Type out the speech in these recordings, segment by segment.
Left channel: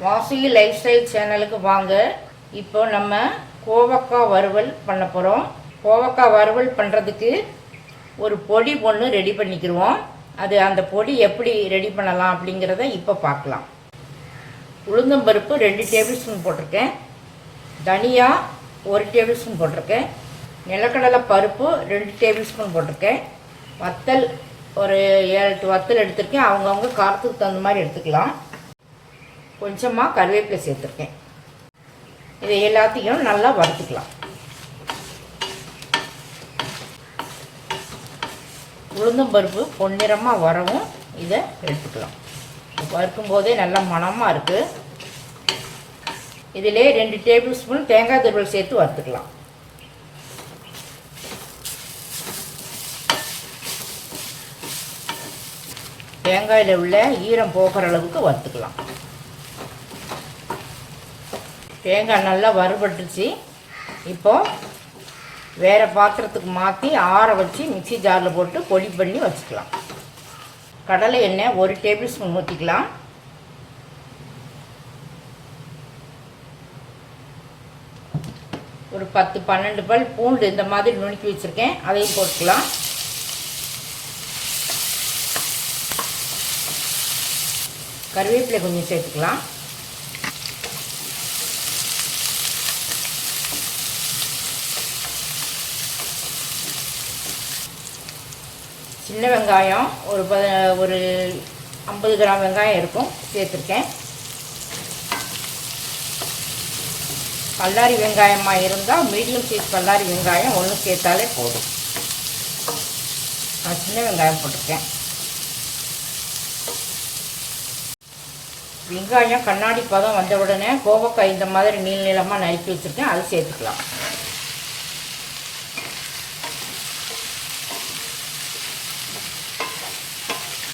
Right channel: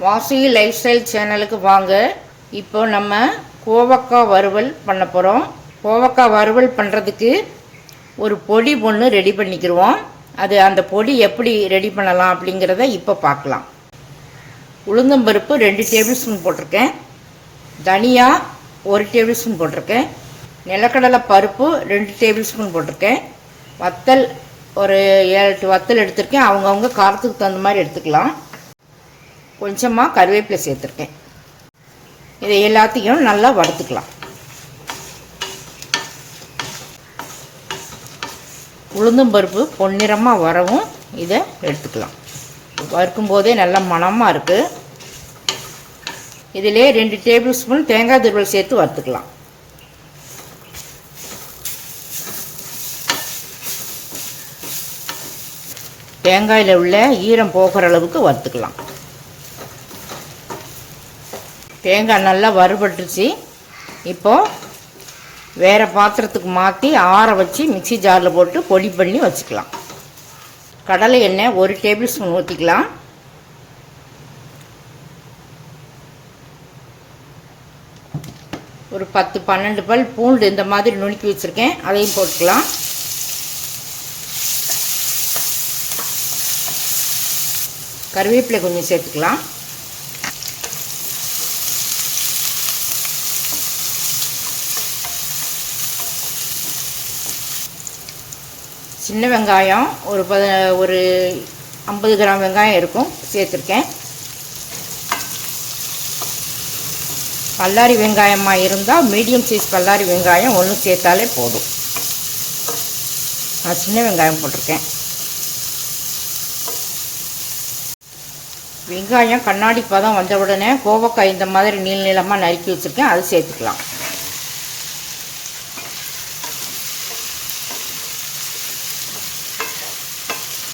வாசி life style சேனலுக்கு வாங்க. இப்போ நம்ம கோவக்காய் வறுவல் பண்ண போகிறோம் கோவக்காய் வறுவல் பண்ணுறதுக்கு ஒரு பொடி ஒன்று ரெடி பண்ணிக்கிடுவோம் அது அந்த பொடி எப்படி ரெடி பண்ணலாம் அப்படிங்கிறத இப்போ பார்க்கலாம். உளுந்தம்பருப்பு ரெண்டு டேபிள் ஸ்பூன் போட்டிருக்கேன். தனியா ஒரு டேபிள் ஸ்பூன் போட்டிருக்கேன். நிலக்கடலை பருப்பு ரெண்டு டேபிள் ஸ்பூன் போட்டிருக்கேன். வத்தல் ஒரு ஏழு எட்டு வத்தல் எடுத்திருக்கேன். அவங்கவுங்க காரத்துக்கு தகுந்த மாதிரி எடுத்துக்கலாம். கொஞ்சமாக கருவேப்பிலை சேர்த்துருக்கேன். இதை எல்லாத்தையும் நல்லா வறுத்துக்கலாம். உளுந்தும் பருப்பு பொன்னிறமாக வரவும் இதை எடுத்துக்கலாம். வறுக்கும் போதே நல்லா மணமாக இருக்குது இதிலே ரெண்டு டேபிள் ஸ்பூன் தேங்காய் துருவல் சேர்த்து வறுத்துக்கலாம். தேங்காயில் உள்ள ஈரம் போகிற அளவுக்கு வறுத்துக்கலாம். தேங்காய் நல்லா வறுபட்டுச்சு இப்போது வேறு பாத்திரத்துக்கு மாற்றி ஆற வச்சு மிக்சி ஜாரில் போட்டு பொடி பண்ணி வச்சுக்கலாம். கடலை எண்ணெய் ஒரு டேபிள் ஸ்பூன் ஊற்றிக்கலாம் ஒரு பத்து பன்னெண்டு பல் பூண்டு இந்த மாதிரி நுணுக்கி வச்சுருக்கேன். அதையும் போட்டுக்கலாம். கருவேப்பிலை கொஞ்சம் சேர்த்துக்கலாம். சின்ன வெங்காயம் ஒரு பத ஒரு ஐம்பது கிராம் வெங்காயம் இருக்கும் சேர்த்துருக்கேன். பல்லாரி வெங்காயமாக இருந்தால் மீடியம் சைஸ் பல்லாரி வெங்காயம் ஒன்று சேர்த்தாலே போதும். நான் சின்ன வெங்காயம் போட்டிருக்கேன். வெங்காயம் கண்ணாடி பதம் வந்த உடனே கோவக்காய் இந்த மாதிரி நீள் நீளமாக நறுக்கி வச்சுருக்கேன் அது சேர்த்துக்கலாம்.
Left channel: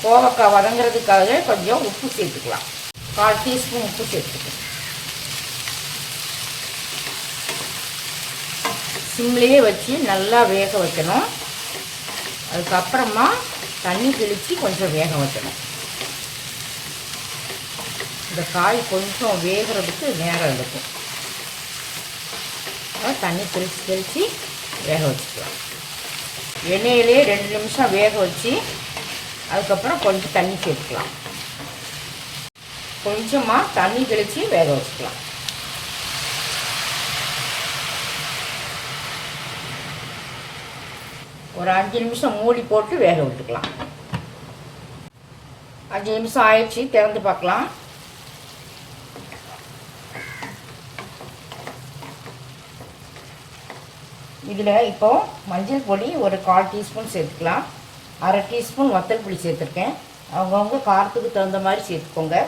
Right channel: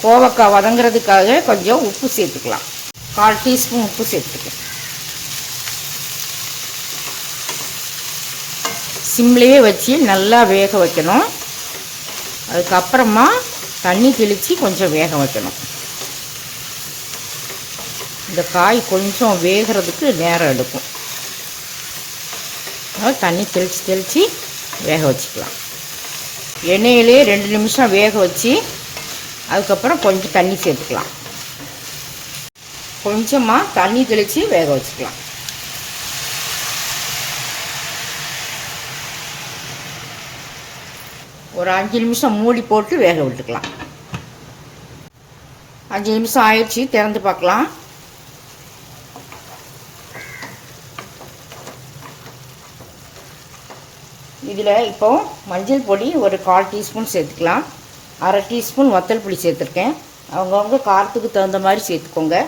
கோவக்காய் வதங்குறதுக்காக கொஞ்சம் உப்பு சேர்த்துக்கலாம். கால் டீஸ்பூன் உப்பு சேர்த்துக்கலாம். சிம்லேயே வச்சு நல்லா வேக வைக்கணும். அதுக்கப்புறமா தண்ணி தெளித்து கொஞ்சம் வேக வைக்கணும். இந்த காய் கொஞ்சம் வேகிறதுக்கு நேரம் எடுக்கும். தண்ணி தெளித்து தெளித்து வேக வச்சுக்கலாம். எண்ணெயிலே ரெண்டு நிமிஷம் வேக வச்சு அதுக்கப்புறம் கொஞ்சம் தண்ணி சேர்த்துக்கலாம். கொஞ்சமாக தண்ணி தெளித்து வேக வச்சுக்கலாம். ஒரு அஞ்சு நிமிஷம் மூடி போட்டு வேக விட்டுக்கலாம். அஞ்சு நிமிஷம் ஆயிடுச்சு திறந்து பார்க்கலாம். இதில் இப்போ மஞ்சள் பொடி ஒரு கால் டீஸ்பூன் சேர்த்துக்கலாம். அரை டீஸ்பூன் வத்தல் புளி சேர்த்துருக்கேன். அவங்கவுங்க காரத்துக்கு தகுந்த மாதிரி சேர்த்துக்கோங்க.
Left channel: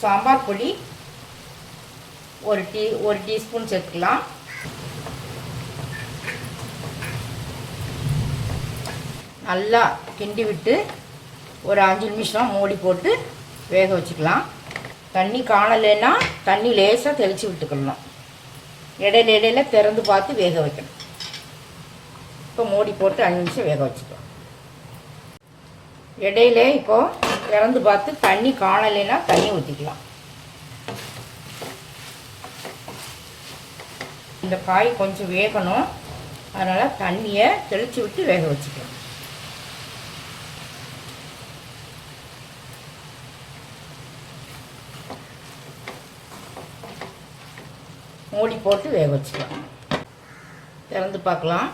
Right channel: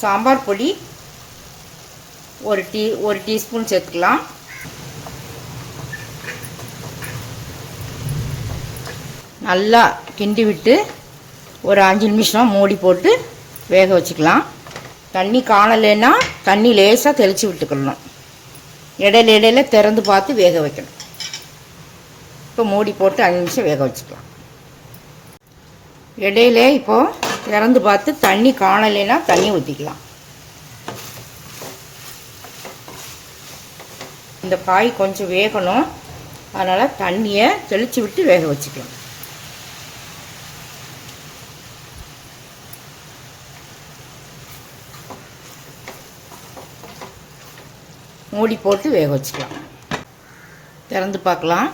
சாம்பார் பொடி ஒரு டீ ஒரு டீஸ்பூன் சேர்த்துக்கலாம். நல்லா கிண்டி விட்டு ஒரு அஞ்சு நிமிஷம் மூடி போட்டு வேக வச்சுக்கலாம். தண்ணி காணலைன்னா தண்ணி லேசாக தெளித்து விட்டுக்கணும். இடையில இடையில திறந்து பார்த்து வேக வைக்கணும். இப்போ மூடி போட்டு அஞ்சு நிமிஷம் வேக வச்சுக்கலாம். இடையில இப்போது திறந்து பார்த்து தண்ணி காணலைன்னா தண்ணி ஊற்றிக்கலாம் இந்த காய் கொஞ்சம் வேகணும். அதனால் தண்ணியை தெளித்து விட்டு வேக வச்சுக்கணும். மூடி போட்டு வேக வச்சுக்கலாம். திறந்து பார்க்கலாம்.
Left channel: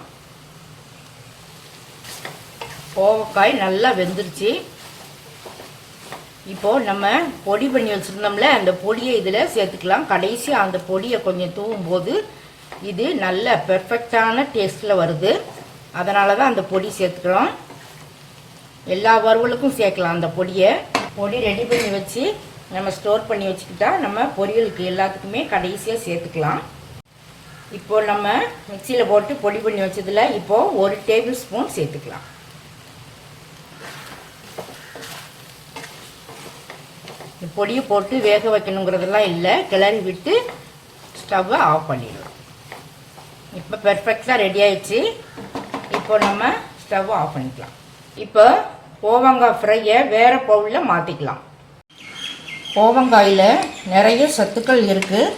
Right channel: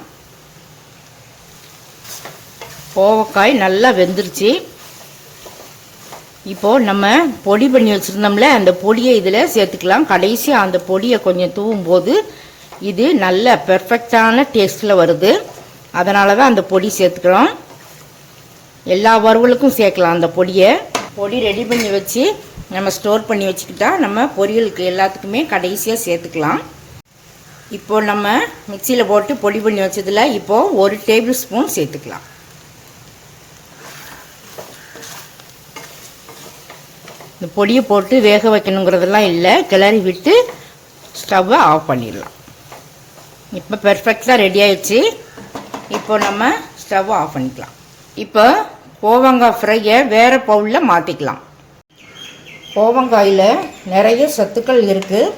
கோவக்காய் நல்லா வெந்துருச்சு. இப்போது நம்ம பொடி பண்ணி வச்சுருந்தோம்ல அந்த பொடியை இதில் சேர்த்துக்கலாம். கடைசியாக அந்த பொடியை கொஞ்சம் தூவும் போது இது நல்ல பெர்ஃபெக்டான டேஸ்ட்டில் வருது. அதனால தான் அந்த பொடி சேர்த்துக்கிறோம். எல்லா வறுவலுக்கும் சேர்க்கலாம் அந்த பொடியை. பொடி ரெடி பண்ணி வச்சு நம்ம ஸ்டோர் பண்ணி வச்சுக்கிட்டா நம்ம பொரியலுக்கு எல்லாத்துக்குமே கடைசியாக சேர்த்துக்கலாம். இப்போ நம்ம மிக்சியில் போட்டு பொடி பண்ணி வச்சதில் இப்போது ஒரு டேபிள் ஸ்பூன் சேர்த்துக்கலாம். இந்த பொடியை போட்டு வேக வைக்கணுங்கிறதெல்லாம் இல்லை. கிளறி விட்டு ஸ்டவ்வை ஆஃப் பண்ணிடலாம். இப்போ பெர்ஃபெக்டாக ரெடி ஆயிடுச்சு. இப்போ நம்ம ஸ்டவ்வை ஆஃப் பண்ணிக்கலாம். இப்போ கோவங்காய் ஃப்ரையை வேறு பவுலில் மாற்றிக்கலாம் கோவங்காயில் நிறைய சத்துக்கள் இருக்குது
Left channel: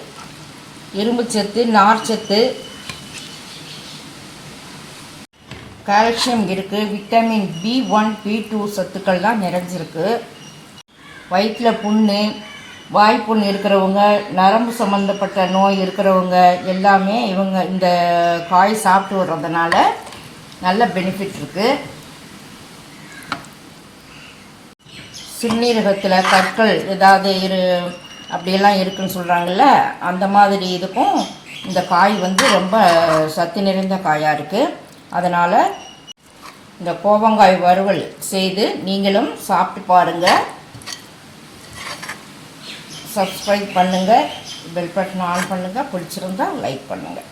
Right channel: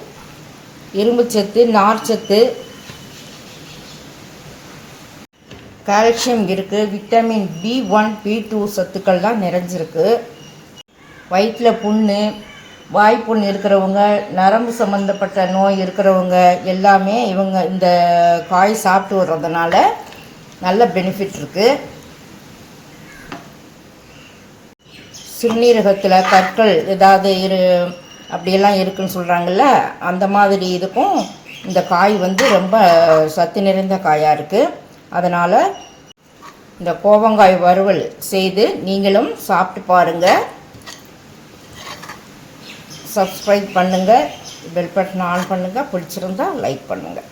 இரும்பு சத்து நார்ச்சத்து கால்சியம் இருக்குது vitamin B one B two சத்துக்கள்லாம் நிறைஞ்சிருக்கு. வயிற்றில் புண்ணு வாய்ப்புண் இருக்கிறவங்க நரம்பு சம்மந்தப்பட்ட நோய் இருக்கிறவங்க எல்லாமே இவங்க இந்த காய் சாப்பிட்டு வர்றதுனால நல்ல பெனிஃபிட் இருக்குது சிறுநீரகத்தில் கற்கள் ஏதாவது இரு அப்படியெல்லாம் இருக்குன்னு சொல்கிறாங்கல்ல அந்த மாதிரி இதுக்கும் இந்த காய் வந்து ரொம்ப சத்து நிறைந்த காயாக இருக்குது அதனால் இந்த கோவங்காய் வறுவல் செய்து நீங்களும் சாப்பிட்டு பாருங்கள் சப்ஸ்கிரைப் பண்ணுங்கள் பெல் பட்டன் ஆன் பண்ணுங்கள் பிடிச்சிருந்தா லைக் பண்ணுங்கள்